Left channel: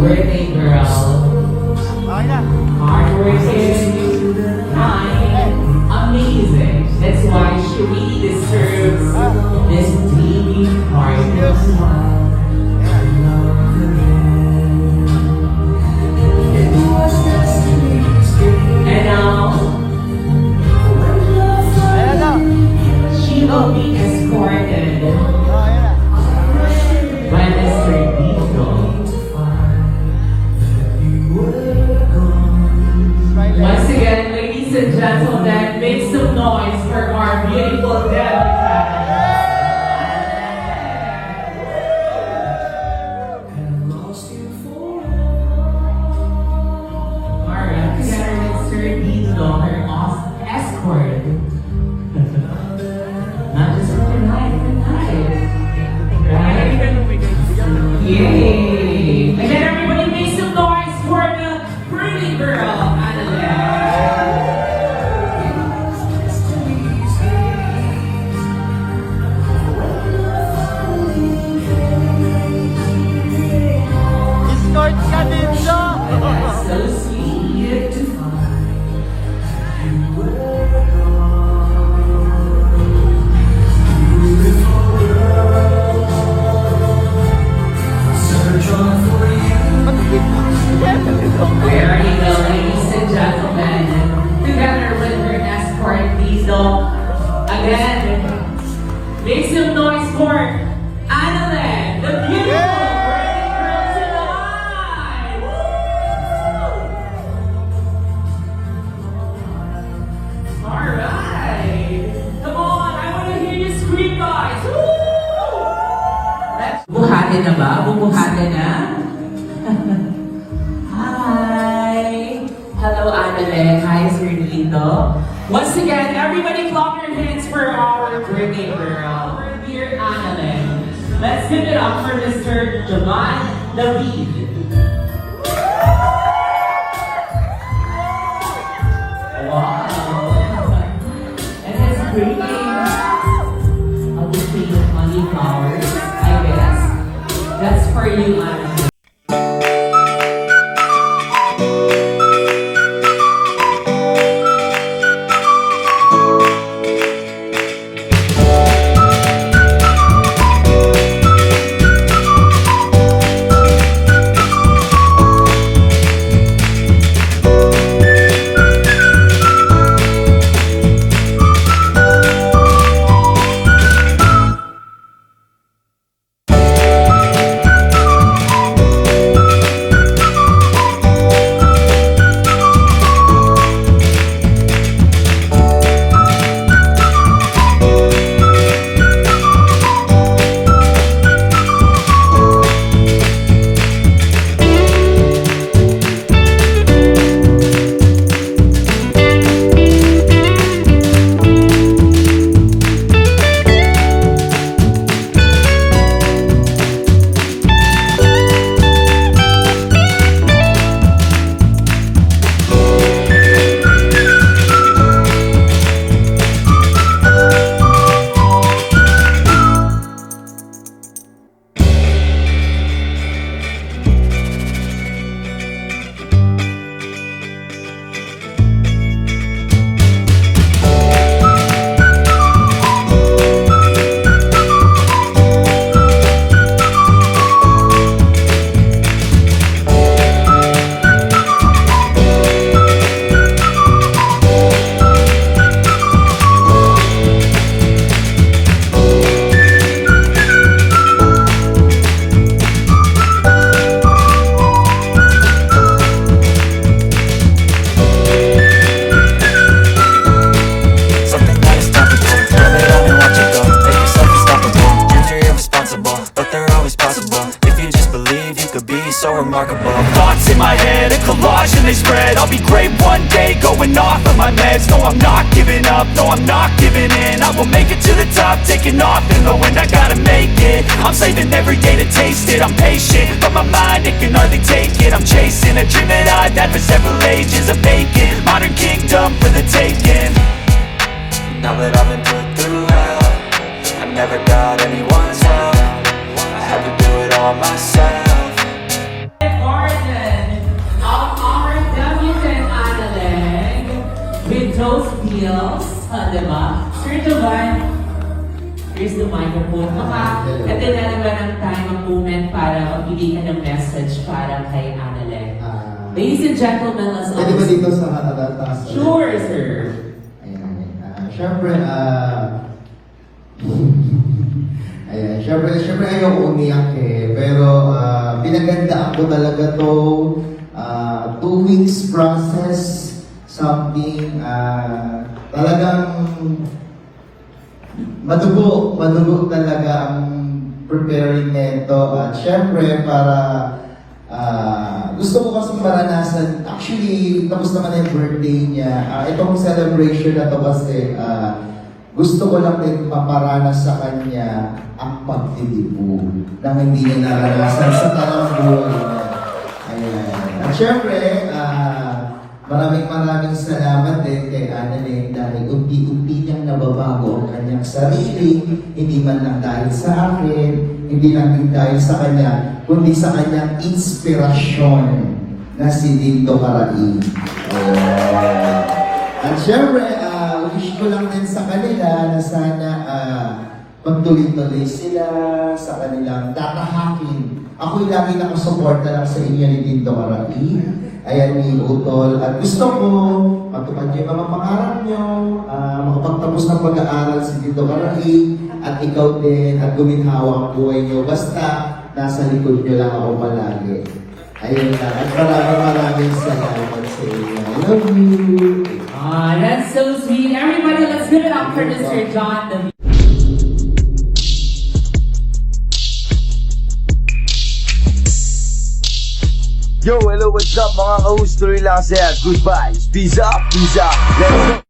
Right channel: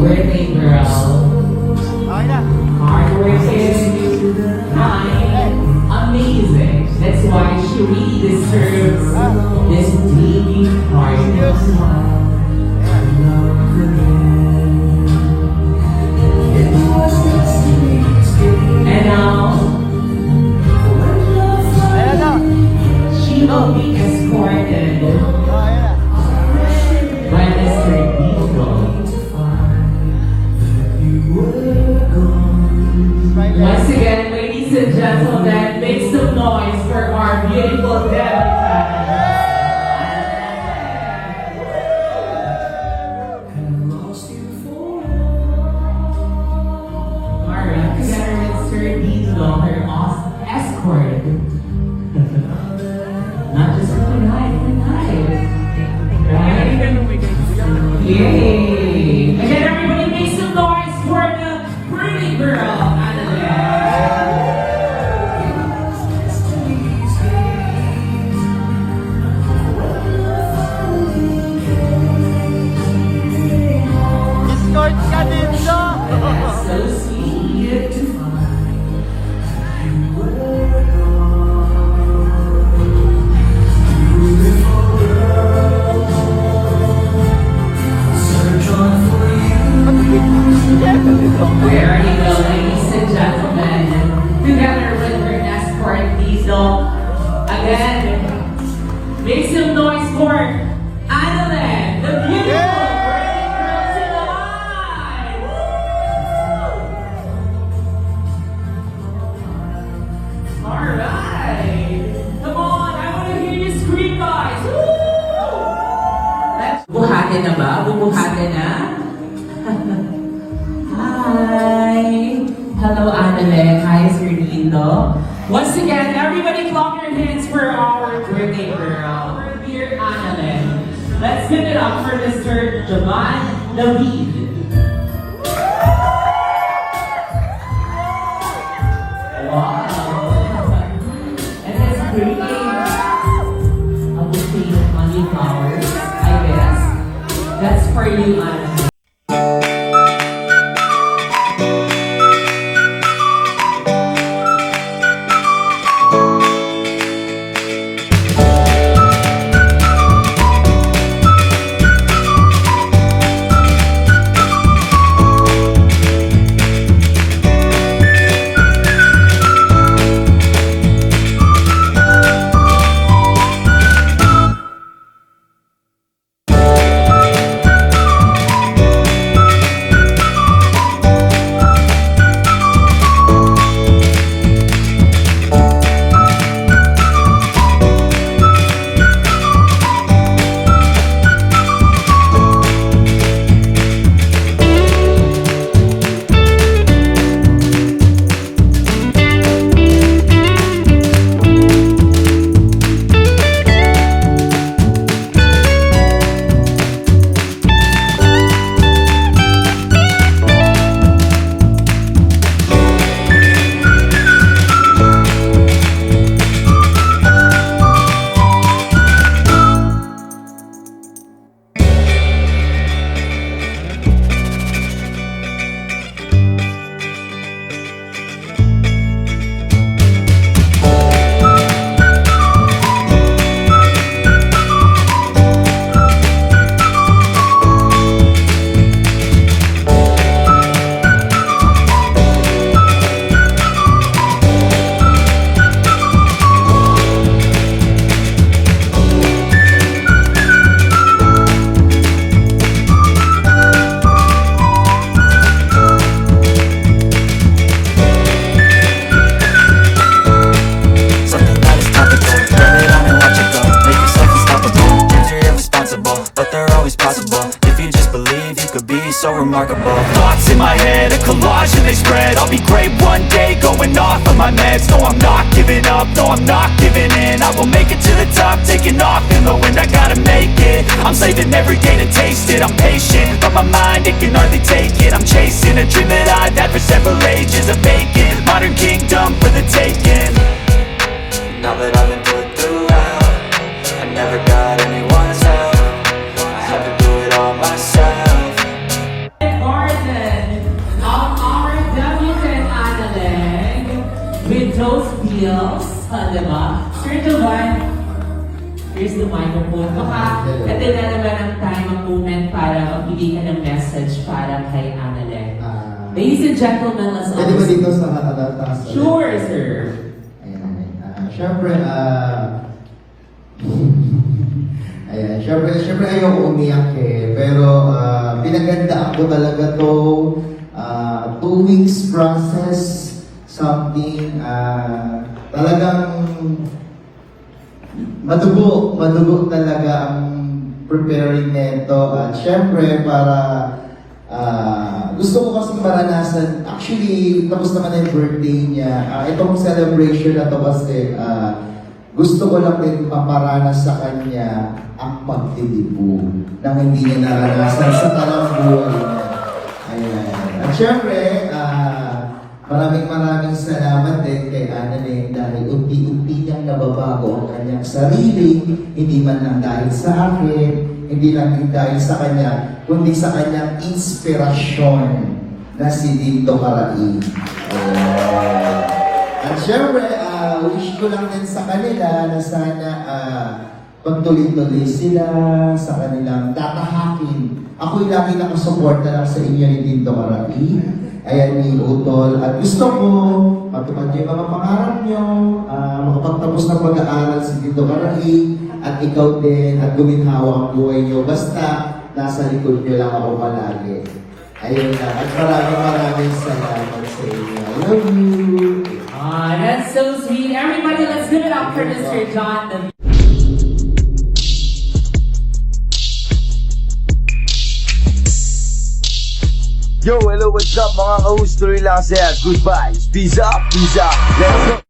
Working girl. Hardworking. Amazing. That's why she really deserves this deep heart. And now, she will be escorted by Mr. Tito. Once again, ladies and gentlemen, make some noise for our beautiful family. Alright, together with Sir Dino, her awesome escort. Not just for tonight, right? Yay! Again, everybody make some noise for the pretty girl. So sweet. Where are you going, ladies and gentlemen? Together with her escort, Diesel. Again, make some noise for Adelaide, the beautiful pretty girl tonight. Alright. Come on, I want to hear you scream, guys. Buhati na ba? Bubuhati na? Hi! Hello, Adelaide. Hi, Sir Dito. Once again, everybody clap your hands for our birthday girl. Dear Adelaide. Let's give it up for Mr. Jovan David. Wow! And his birthday of the tree of only flowers, I guess. That's for you, Adelaide. remarkable. Thoughts in my head, a collage and they spread. I'll be great one day, going off of my meds. No, I'm not giving up, no, I'm not giving in. I will make it to the top, taking off in the wind. I gotta make it, I'm saving every day to taste it. I'm patient, but my mind, it can hardly take it. I'm chasing a dream that I've had for several ages. A vacant, modern kingdom for the taking. Now that I've been put through hell, I never got anyone's help. I had to do it all myself. Martin, our Democrat Adelaide, with those deals, diba? Straight to back. Here's the microphone. And then ano ba ang time moment para magbigay ka ng message para kay Adelaide? Ladies and gentlemen, let's Pwede ba dito sa nakatatas? Sure, sir. Siyempre, siyempre ayoko umiyak eh. Pero pinagandaan ko talaga to 2 weeks process, something talagang madugo talaga ang preparing nito. At siyempre para gusto ko kasi maranasan, actually, tapos naman yung birthday niya. Itong celebration na to kasi, gusto ko lang din maparanas sa kanya ang pagtitibo nang hindi niya naranasan sa talang buhay niya. Ayan. At syempre, maraming salamat din kay Annalyn dahil unti-unti niyang nababago ang kanyang sarili, hindi man lang dahil sa akin, hindi lang dahil sa kanya, kundi sa kanyang inspirasyon na si Dito Carain. At syempre, wish ko lang din sa kanila na sana pagtuloy-tuloy sila sa kanilang tatahakin. Ako yung lagi nakasuporta lang sa inyo ni Dito Carain. Ayan ni Utol. At gusto ko, matupad yung mga pangarap nyo, makapagtapos ng pag-aaral si Dito Carain, at ikaw din, at guminhawa ang buhay nyo. Basta, nasa likod nyo lang ako palagi. Ayun na. At maraming salamat sa inyo. I love you. That's so sweet. Everybody, let's give it up for Mr. John the Yo, hello, what's up mga ka-host? Tuloy lang saya. Goodbye. Peace up, let's go.